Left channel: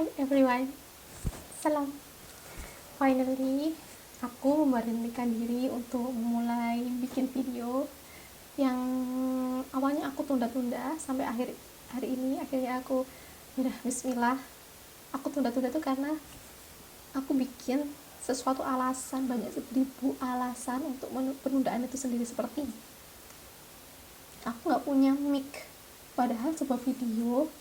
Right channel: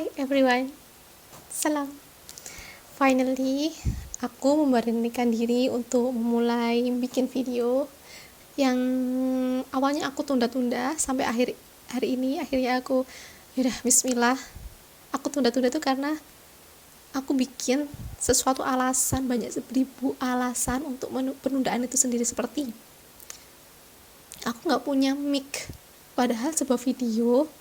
Hi everyone, salam. Finally, aku memberanikan diri untuk mulai bikin video yang awalnya aku tunda-tunda sampai hari ini. Akhirnya aku yaudah bismillah. Aku tunda-tunda itu karena aku bikin sesuatu alasan, banyak seribu alasan untuk penundaan itu sendiri, seperti aku nggak punya mic, padahal sebuah video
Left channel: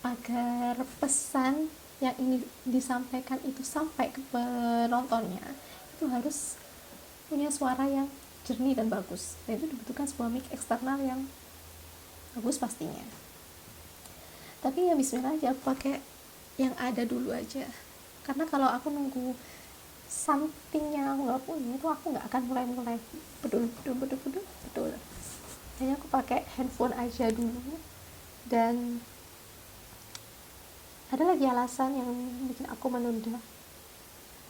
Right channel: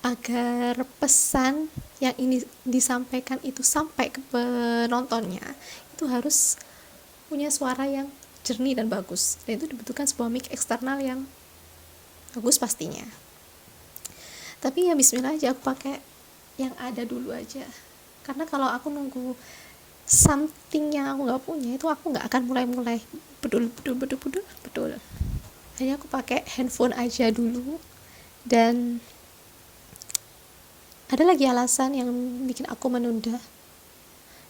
agar pesan yang ini disampaikan itu sampai ke penontonnya itu harus punya suara yang jernih dan bagus, dan itu dibutuhkan sebuah mic eksternal yang bagus pastinya. Tapi ya bismillah aja, aku pakai yang ada dulu aja, karena kalau aku nunggu something yang aku nggak punya itu aku nggak akan mulai bedul. Hanya aku pakai handphone aja dulu. Dan ada lagi alasan yang bikin aku menunda,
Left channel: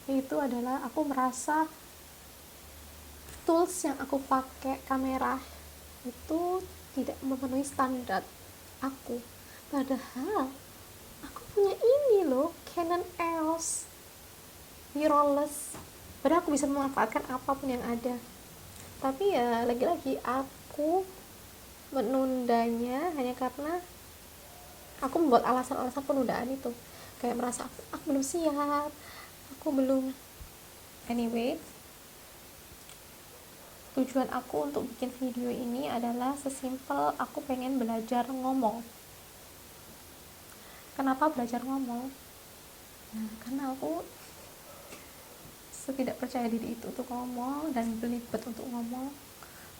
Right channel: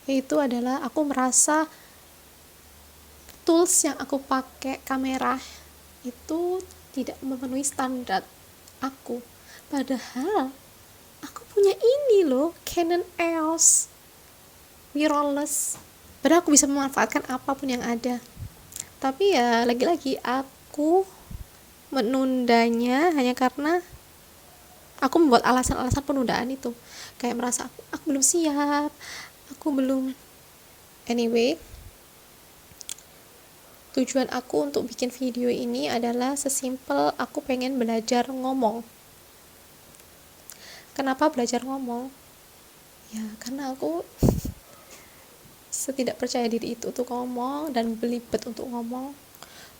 yaitu adalah aku merasa tools yang aku pakai kamera itu tidak memenuhi standar aku. Padahal aku punya ini loh, Canon EOS mirrorless, padahal aku bisa memanfaatkan apapun yang ada. Tapi ya lagi-lagi aku menundanya hanya karena aku membuat alasan-alasan penundaan itu, kayak merasa aku belum siap, aku belum. Anyway, tujuan aku untuk bikin video ini adalah sesimpel aku pengen belajar ngomong. Kenapa belajar ngomong? Ya karena aku setidak percaya diri itu untuk ngomong, dan belibet untuk ngomong,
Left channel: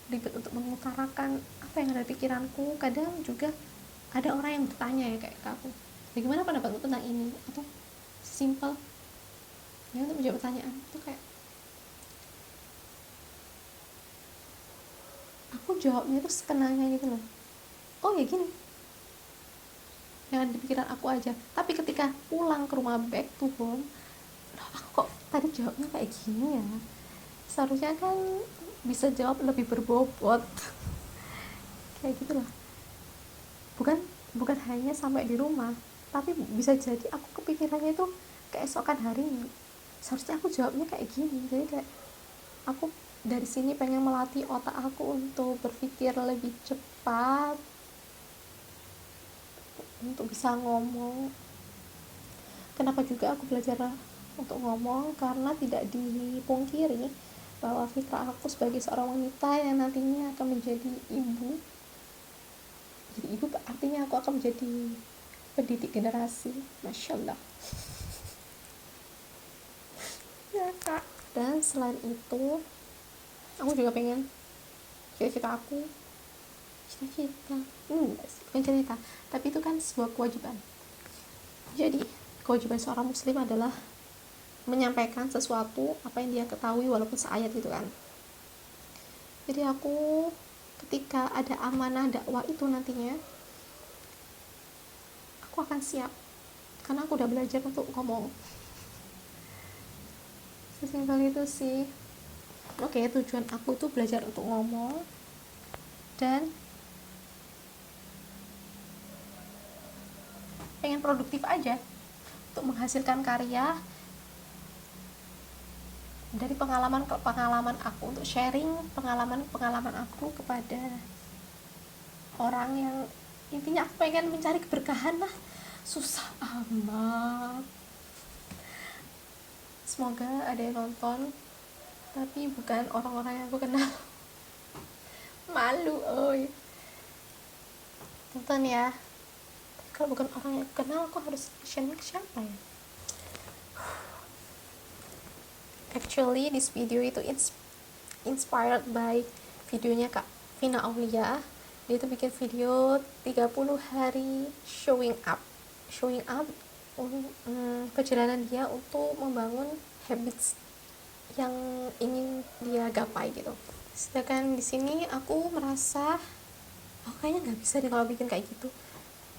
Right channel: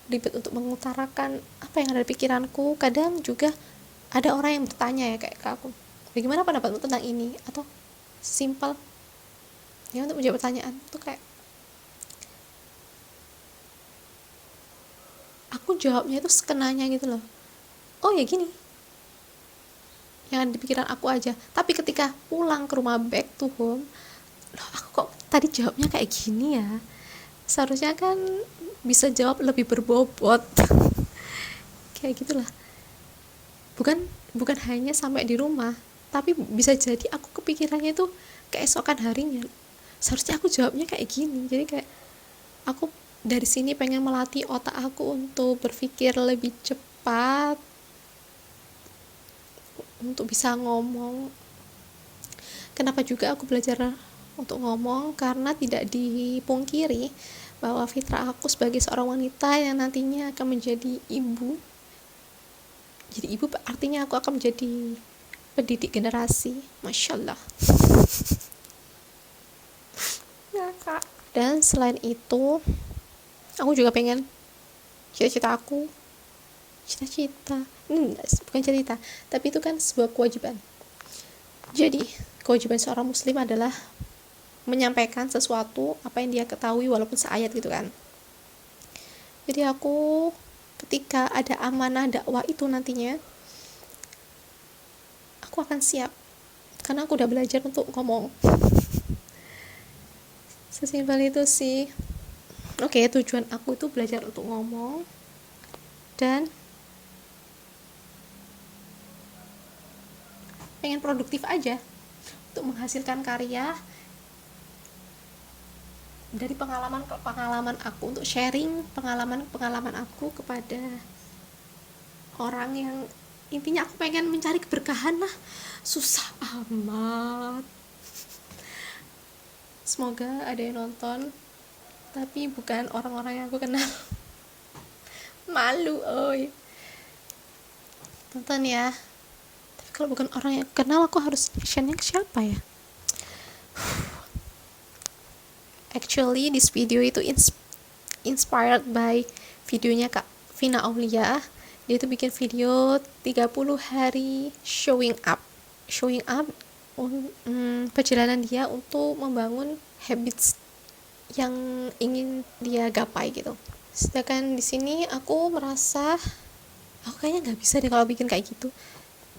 belibet untuk mengutarakan apa yang ada di pikiranku. Kadang juga ada orang yang bertanya ya kayak ke aku, bagaimana pendapatmu tentang ini, atau simpel ya untuk menjawab pertanyaan itu kayak aku jawabnya itu sekenanya gitu loh. Oh ya gini, yang ada di pikiran aku aja. Tapi ketika pulang ke rumah, back to home, loh aku kok tadi jawabnya kayak gini ya, seharusnya kan bisa jawab lebih berbobot. Kayak gitulah. Bukan hanya sampai di rumah, tapi bisa jadi aku kepikirannya itu keesokan harinya, seharusnya aku jawabnya kayak gini. Jadi kayak aku dari sini pengen melatih otak aku untuk berpikir lebih cepat, untuk bisa ngomong. Kenapa juga aku belajar untuk ngomong? Karena tidak dipungkiri bahwa fitrah aku sebagai seorang wanita yang nantinya akan menjadi ibu. Jadi ibu artinya aku akan menjadi pendidik generasi. Masya Allah. Ya kak. Dan selain itu, aku juga pengen cita-cita bukan cerita, tapi itu kan sebuah kewajiban. Jadi kewajiban seorang muslim adalah menyampaikan sesuatu apa yang dia ketahui walaupun seayat gitu kan. Jadi aku ketika ada amanah dakwah itu nantinya, aku akan siap karena aku udah belajar untuk ngomong. Sesimpel itu sih. Oke, tujuan aku tuh belajar untuk ngomong dan pengen produktif aja untuk menghasilkan karya dari pengalaman aku, untuk sharing pengalaman aku kepada orang yang intinya aku pengen mencari keberkahan lah. Susah amat. Semoga ada yang nonton, tapi bukan orang-orang yang aku kenal. Malu, oi. Tonton ya. Tapi kalau bukan orang yang aku kenal, aku harus actionnya ke siapa ya? Actually, this video itu inspired by videonya Kak Vina Aulia. Dia itu bikin video 30 hari showing up perjalanan dia untuk membangun habits yang ingin dia gapai gitu. Sedangkan di sini aku merasa aku kayaknya nggak bisa deh kalau bikin kayak gitu,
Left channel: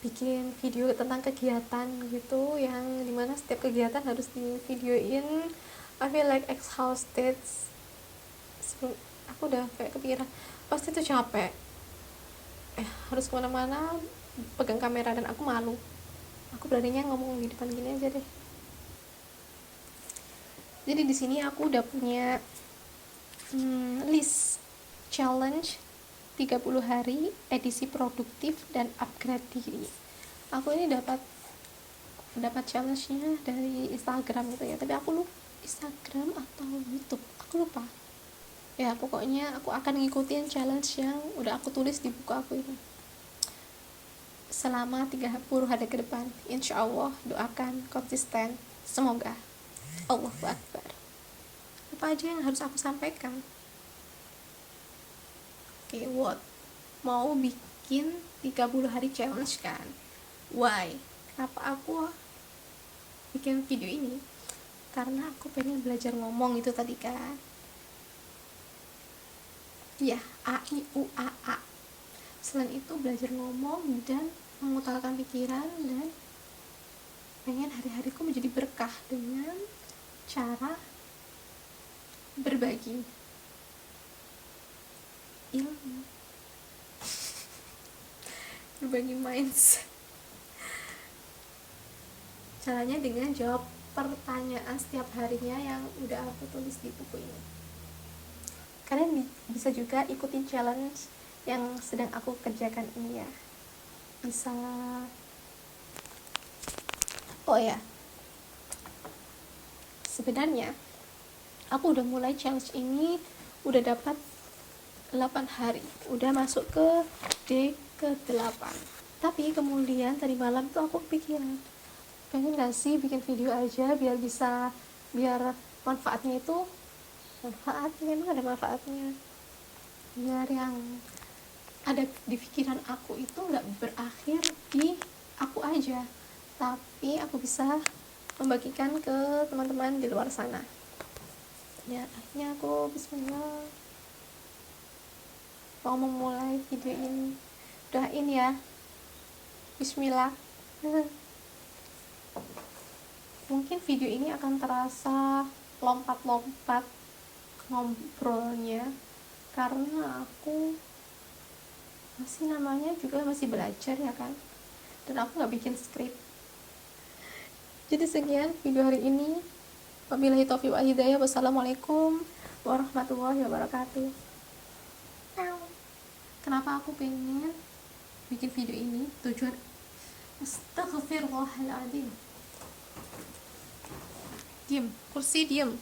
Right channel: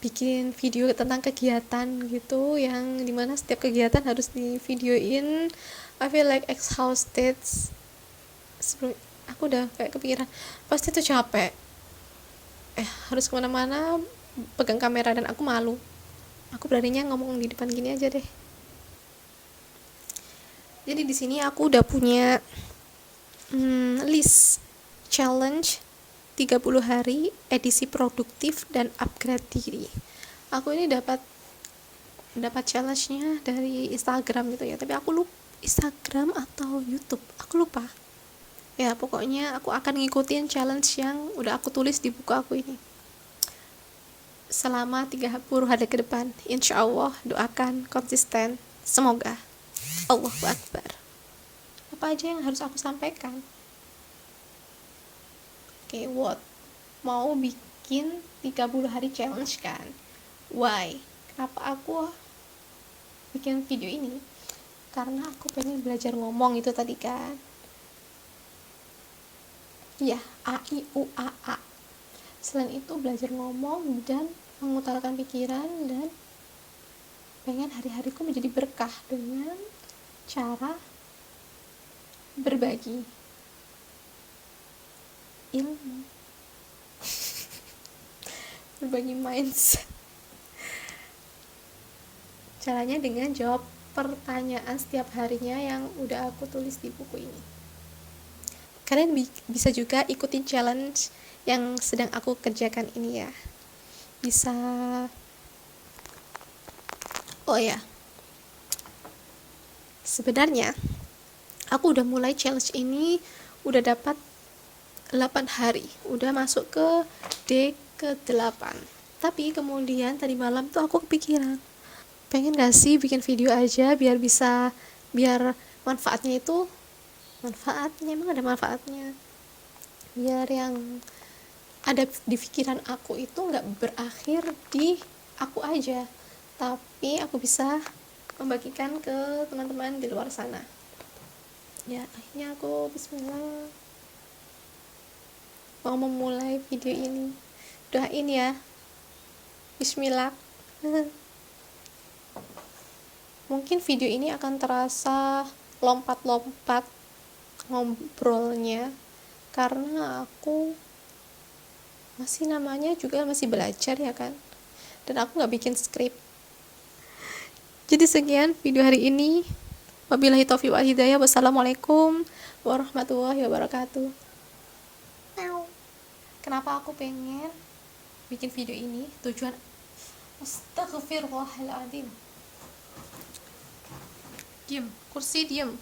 bikin video tentang kegiatan gitu yang dimana setiap kegiatan harus di videoin. I feel like exhausted. Aku udah kayak kepikiran pasti tuh capek, harus kemana-mana pegang kamera, dan aku malu. Aku beraninya ngomong di depan gini aja deh. Jadi di sini aku udah punya list challenge 30 hari edisi produktif dan upgrade diri. Aku ini dapat challenge-nya dari Instagram gitu ya, tapi aku lupa Instagram atau YouTube, aku lupa. Ya pokoknya aku akan ngikutin challenge yang udah aku tulis di buku aku ini selama 30 hari ke depan. Insya Allah, doakan konsisten, semoga. Allahu Akbar. Apa aja yang harus aku sampaikan? Oke, what? Mau bikin 30 hari challenge kan? Why? Kenapa aku bikin video ini? Karena aku pengen belajar ngomong itu tadi kan. Ya, A, I, U, A, A. Selain itu belajar ngomong dan mengutarakan pikiran, dan pengen hari-hariku menjadi berkah dengan cara berbagi ilmu, berbagi mindset. Caranya dengan jawab pertanyaan setiap harinya yang udah aku tulis di buku ini. Kalian bisa juga ikutin challenge yang sedang aku kerjakan ini ya. Bisa. Oh ya, sebenarnya aku udah mulai challenge ini udah dapat 8 hari, udah masuk ke day ke-8. Tapi kemudian tadi malam tuh aku kepikiran, pengen gak sih bikin video aja biar manfaatnya emang ada manfaatnya, biar yang ada di pikiran aku itu nggak berakhir di aku aja, tapi aku bisa membagikan ke teman-teman di luar sana. Ya, akhirnya aku bismillah mau memulai video ini. Doain ya, bismillah. Mungkin video ini akan terasa lompat-lompat ngobrolnya karena aku masih belajar ya kan, dan aku nggak bikin skrip. Jadi sekian video hari ini. Wabillahi taufiq wal hidayah. Wassalamualaikum warahmatullahi wabarakatuh. Kenapa aku pengen bikin video ini? Tujuan astagfirullahaladzim. Diam, kursi diam.